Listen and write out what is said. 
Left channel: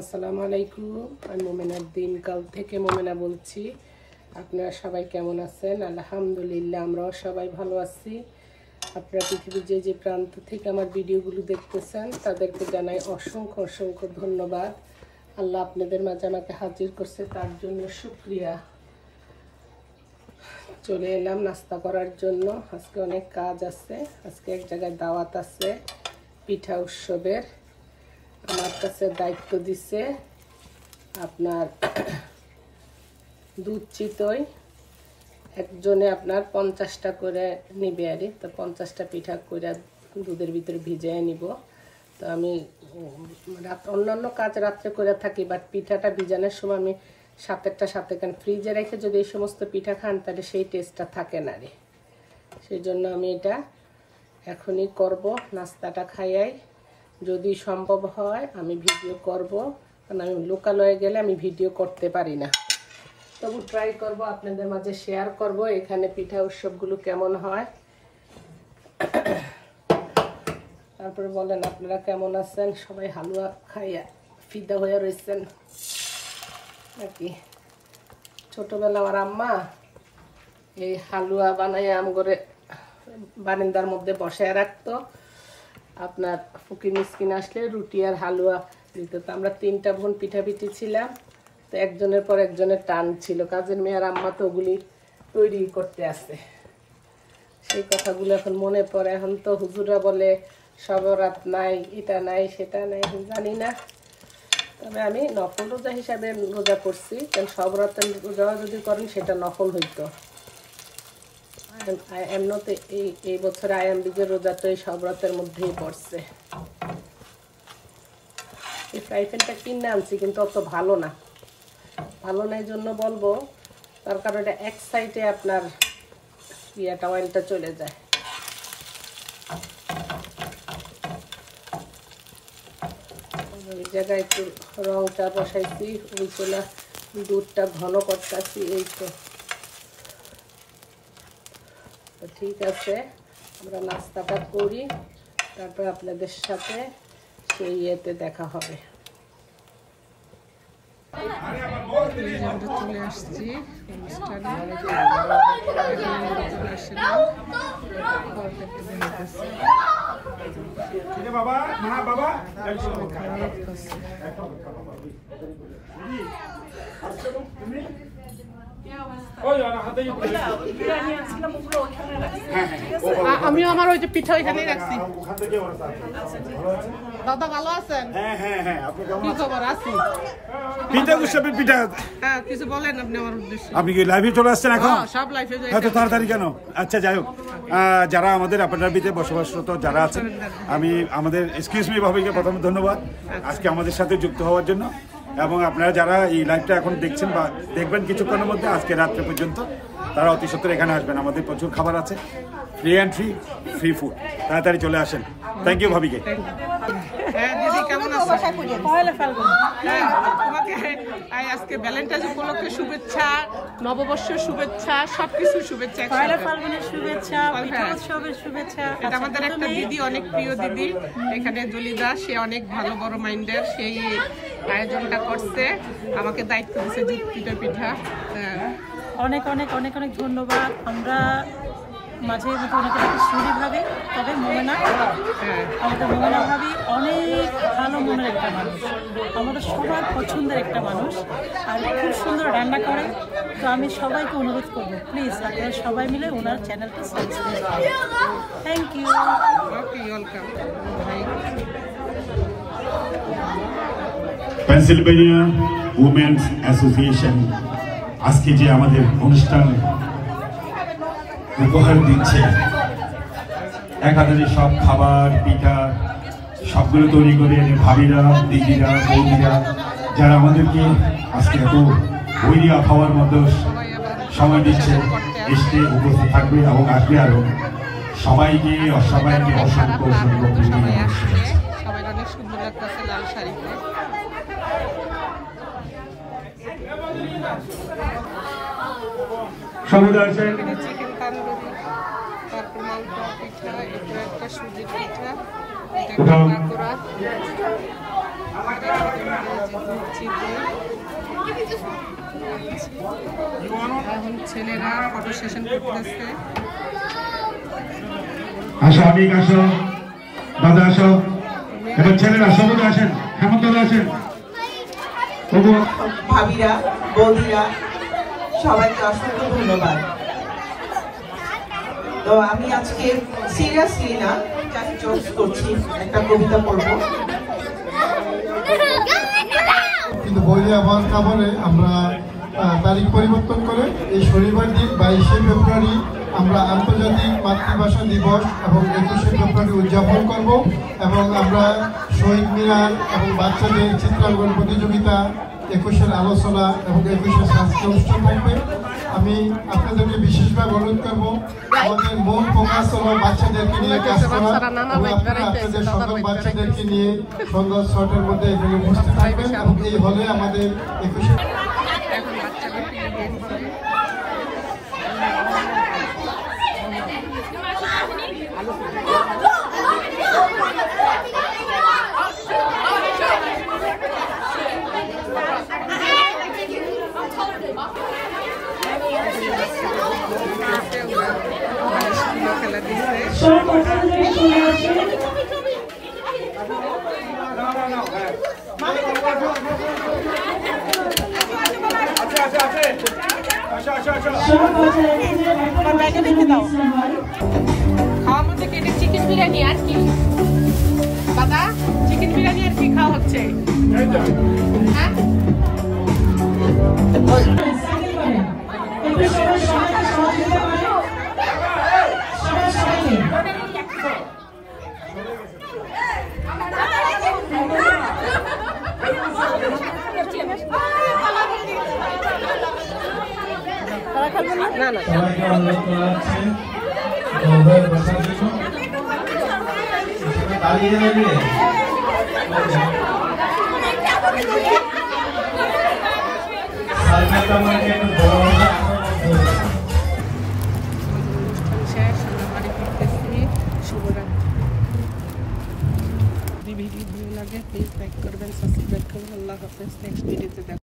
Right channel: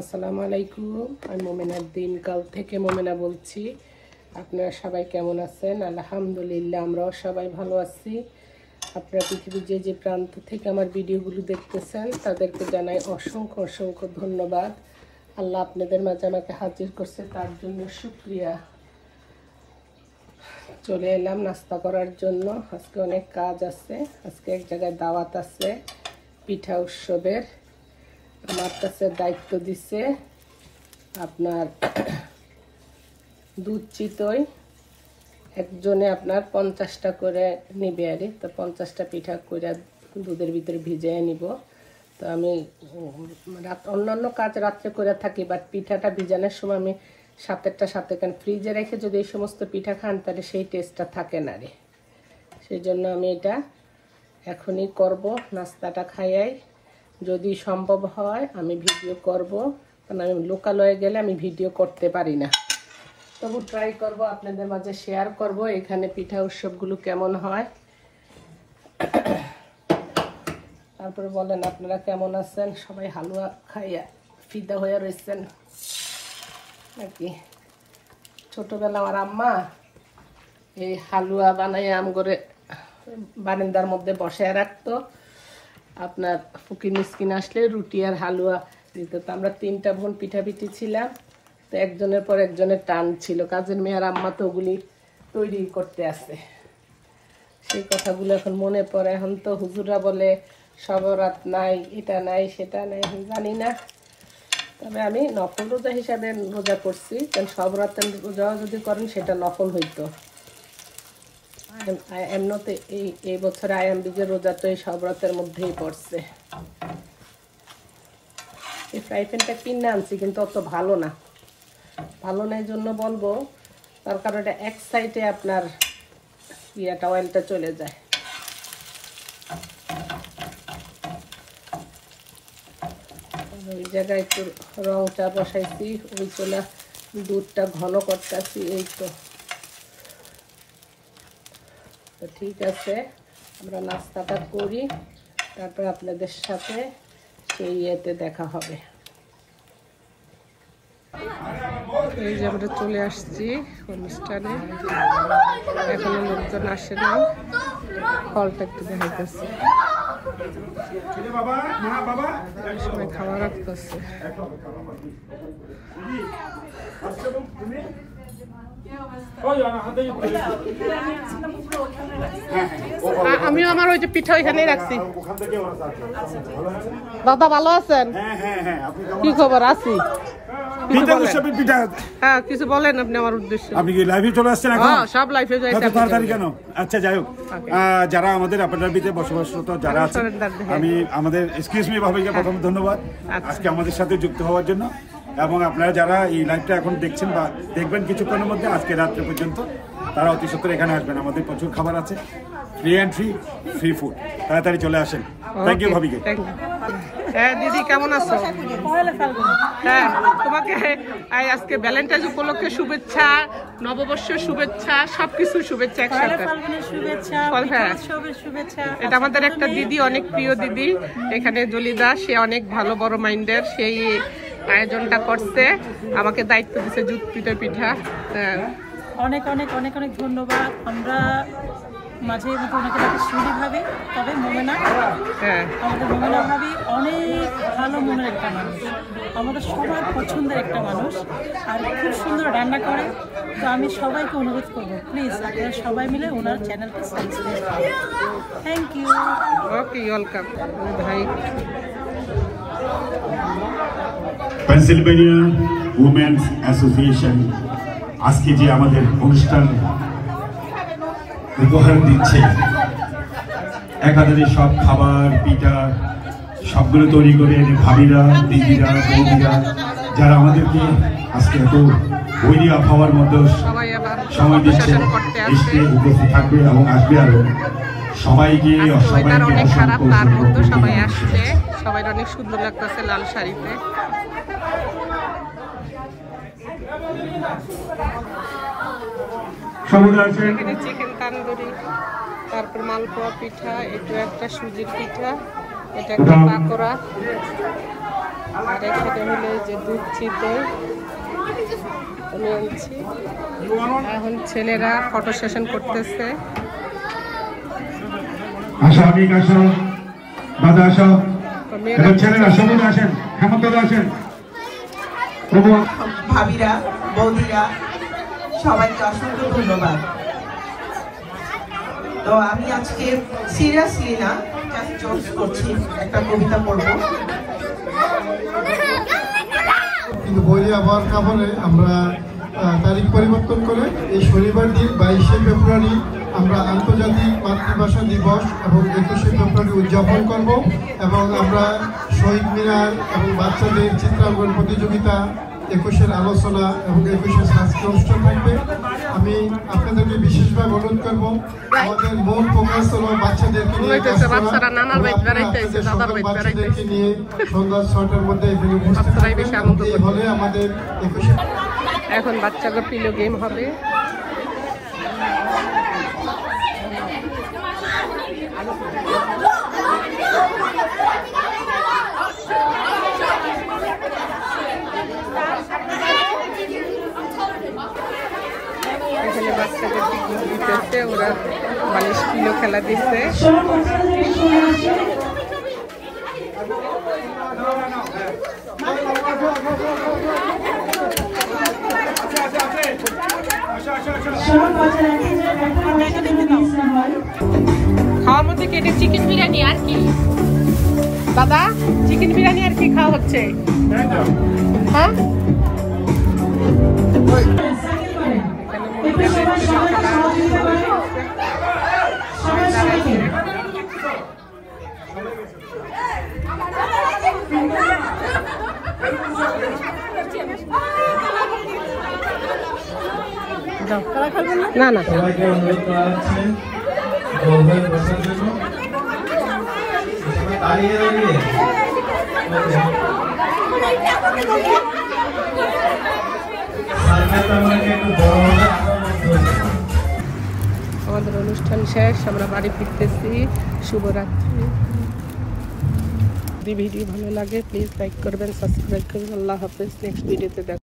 আসসালামু আলাইকুম। আমি মোমেনার দিনকাল থেকে মোমেনা বলছি। আপনারা সবাই কেমন আছেন? আলহামদুলিল্লাহ, আমরাও সবাই ভালো আছি। আপনারা পৃথিবীর যে প্রান্ত থেকে আমার ভিডিওগুলো দেখতেছেন তাদেরকে জানাই অসংখ্য অসংখ্য ধন্যবাদ। আল্লাহ আপনাদের মাঝে আমাকে হাজির করছে, তার জন্য শুকরিয়া। চলে এলাম নাস্তা করার জন্য। আজকে অনেক কাজ আছে। আজকে এক জায়গায় দাওয়াত আছে পিঠা উৎসবের। আমার কাছে দায়িত্ব দিছে আপনার দুধ চিতই একজনে আপনার 50টা করে নিবে আর তো 50টা পিঠা করে দুধের ভিতরে ভিজিয়ে নিব। তো আমি অন্যান্য কাজ রাত্রে করে থাকি, বাট পিঠাটা ভিজানোর সময় আমি সাথে কারণ ফ্রিজে রেখে যদি এই সমস্ত পিঠা খান তাহলে সেই টেস্টটা থাকে না রে। সেই জন্য আমি এটা এখনই করব, নাস্তাটা খাইয়াই। যদি সম্ভব হয় আমি ভিডিও করব, কারণ আমি লোকালয়ে গেলে আমি ভিডিও করতে পারি না। তবু ট্রাই করব, আপনাদের মাঝে শেয়ার করব এখানে পিঠা উৎসবগুলো কেমন হয়। তারপরে বলেন আপনারা কেমন আছেন? সবাই হালুয়া খাইয়া ফিদা হয়ে রয়েছেন আর কি। ছোটবেলা আমার আম্মা এই হালুয়া বানাই আম করে বারান্দার মধ্যে বসায় রাখতো। আপনার ফুকি মিসকিন আসলে রুটি আর হালুয়া দিত। তো আমরা 3টা বোন পিঠাপিঠি ছিলাম, তো একজনের পর একজনের টান ছিল। কাজের মেয়ের আম্মা তো ওগুলি তৈরি করতে আসে। সেই কথাগুলো এখন মনে পড়ে। এখন তো হুজুরা বলে সবরাত নাই, এটা নাই, সেটা নাই, জানি না। তবে আমি নফল রোজা হিসাবে রোজা করছি, কারণ সব রাতের রোজা যদি করেন সেটা নফল হইতো। এমনিতে এই বছর আয়াম বীজের রোজা তো এই সব রাতের মধ্যেই পড়ছে। এই ফ্রাই প্যানটা কিনে আনছি, কিন্তু অত ভালো না। ভালো না এই জন্য বলবো, তার কারণ এটা এক সাইডে আপনার অয়েলটা চলে যায়। এই জায়গায় একটু রংটা বসাইছি, ওই চলে দুধটা ঘন করতেছি। এই তো ঠিক আছে, আমরা নাস্তাটা করি, তারপর আপনাদের সাথে সেই ইয়েতে দেখা হবে। এই যে আমরা চলে আসছি অনুষ্ঠানে, এখনো লোকজন আসে না। ফলটা একটু দেখাইতেছে, সবাই খাওয়া রাখতেছে। আমিও আমার ওই যে পিঠা ওইখানে রাখছি। দাদা ভালো আছেন? কি খবর? আছি। হ্যাঁ, কিছু বলেন আপনি আমার উদ্দেশ্যে। আপনি কি লাইভে চলে আসছেন এখন? সব লাইভে যাই। এত তাড়াতাড়ি কেন? আচ্ছা, যাই হোক, যারা আমাদের আবুধাবিতে বসবাসরত যারা আছেন, আমি আমাদের এক্সকিউজ মি ভাবিকে প্রথমে ধন্যবাদ আজকে আমাদের সাথে যুক্ত হওয়ার জন্য। এবং আপনারা যারা এই লাইভটা এখন দেখছেন বা দেখবেন কিছুক্ষণের মধ্যে, আজকে রাত্রে পর্যন্ত, তারা অতি সত্বর এখানে আসবেন। আমাদের প্রচুর খাবার আছে, ফ্রি এন্ট্রি, ফ্রি ফুড। তাড়াতাড়ি চলে আসেন। থ্যাংক ইউ ভাবিকে। হ্যাঁ দিদি, কেমন আছো? হ্যাঁ, তোমাকে আজকে ভ্যালেন্টাইন উপলক্ষে শুভেচ্ছা, নববর্ষের শুভেচ্ছা, সবকিছু শুভেচ্ছা। এটা আমাদের একটা দিদি, অনেক প্রিয় দিদি এখানে জলিদা, সে অনেক ভালো, বড় মাইন্ডের, সেই আয়োজনটা করছে, আমাকে দায়িত্ব দিচ্ছে দুধ পিঠা পিঠা। অনেক অনেক অনেক অনেক ধন্যবাদ। আমরা মাঝে মধ্যে ওনাকে ডাকি সুরি ভাবি, তবে মোমেনা, আমাদের মোমেনা ভাবি অনেক ভালো মনের একটা মানুষ, আমাদের সবার পছন্দের একটা মানুষ, আর খুব সুন্দর রান্না করে। তো আমি সবাইকে অনুরোধ করবো, প্লিজ আপনারা সবাই মিলে ওনার চ্যানেলটা সাবস্ক্রাইব করুন। Thank you. ওকে, ওয়েলকাম ভাই। পেনসিলভেনিয়া উমেন্স অ্যাসোসিয়েশন আজকে যে আমাদের অনুষ্ঠান উপহার দিচ্ছে, একাধারে সব খাবার পিঠা সবগুলো তৈরি করে ভাবিরা, দিদিরা, বৌদিরা, যারা আমাদেরকে আজকে এত বৈরী আবহাওয়ার মধ্যে সময় দিচ্ছে, এসে উপস্থিত থাকবে এবং আসবে। আরো সবাইকে অনেক খারাপ, তার মধ্যে সবাই আসছে, সবাই অনেক সুন্দর লাগতেছে লাল শাড়িতে। এখানে চিকেন তান্দুরি, তারপর মালপোয়া পিঠা, এটা একটা সুজির পিঠা, এটা একটা পাকোড়া, আর এখানে হলো যে দুধ চিতই এখন ছেলেরা ফটো সেশন করতেছে। আসো অনেক আসো, দাদা আসো, এবার ছেলেরা সবাই আসেন, হেমন্ত দাদা আসেন, ভাবিরা বৌদিরা সবাইকে অসংখ্য ধন্যবাদ। তো আমি আজকে সিরিয়াসলি না জোকস করছি, একটা কবিতা পড়ব। কিন্তু বইয়ে আওয়াজ না বলে আমরা তারিখ পরিবর্তন করে এই শনিবার দিন 22শে ফেব্রুয়ারি আমরা আন্তর্জাতিক মাতৃভাষা দিবস এবং 21শে ফেব্রুয়ারি উদযাপন করব এবং আমরা শহীদ মিনার এবং বাচ্চাদের চিত্রাঙ্কন প্রতিযোগিতা, 21এর আলোচনা এবং 21এর সাংস্কৃতিক অনুষ্ঠান থাকবে। আমি আপনাদেরকে বিশেষভাবে অনুরোধ করব, আমাদের মূল ফোকাস হলো বাচ্চাদেরকে নিয়ে কাজ করা। বাচ্চাদেরকে নিয়ে সন্ধ্যা 6টার মধ্যে হলে আমাদের 21 এখন বাচ্চাদের প্রিয় গেম হবে। এখানে বাচ্চাদের দিতেছে, ওরা বালিশ কিলো খেলা দিচ্ছে। খাওয়ার মধ্যে কেটে চিকেন বিরিয়ানি আর কি দাদা? চিকেন বিরিয়ানি আর কি খাওয়া হচ্ছে? হ্যাঁ, না না সবাইকে অনুরোধ করা হচ্ছে বসার জন্য। তালি দিয়ে আমাদের অনুষ্ঠান শেষ, আমরা বাড়ি ফিরতেছি। শুভরাত্রি। যদি ভিডিও ভালো লাগে প্লিজ লাইক করবেন, সাবস্ক্রাইব করবেন। আল্লাহ হাফেজ। নেক্সট ভিডিওতে দেখা।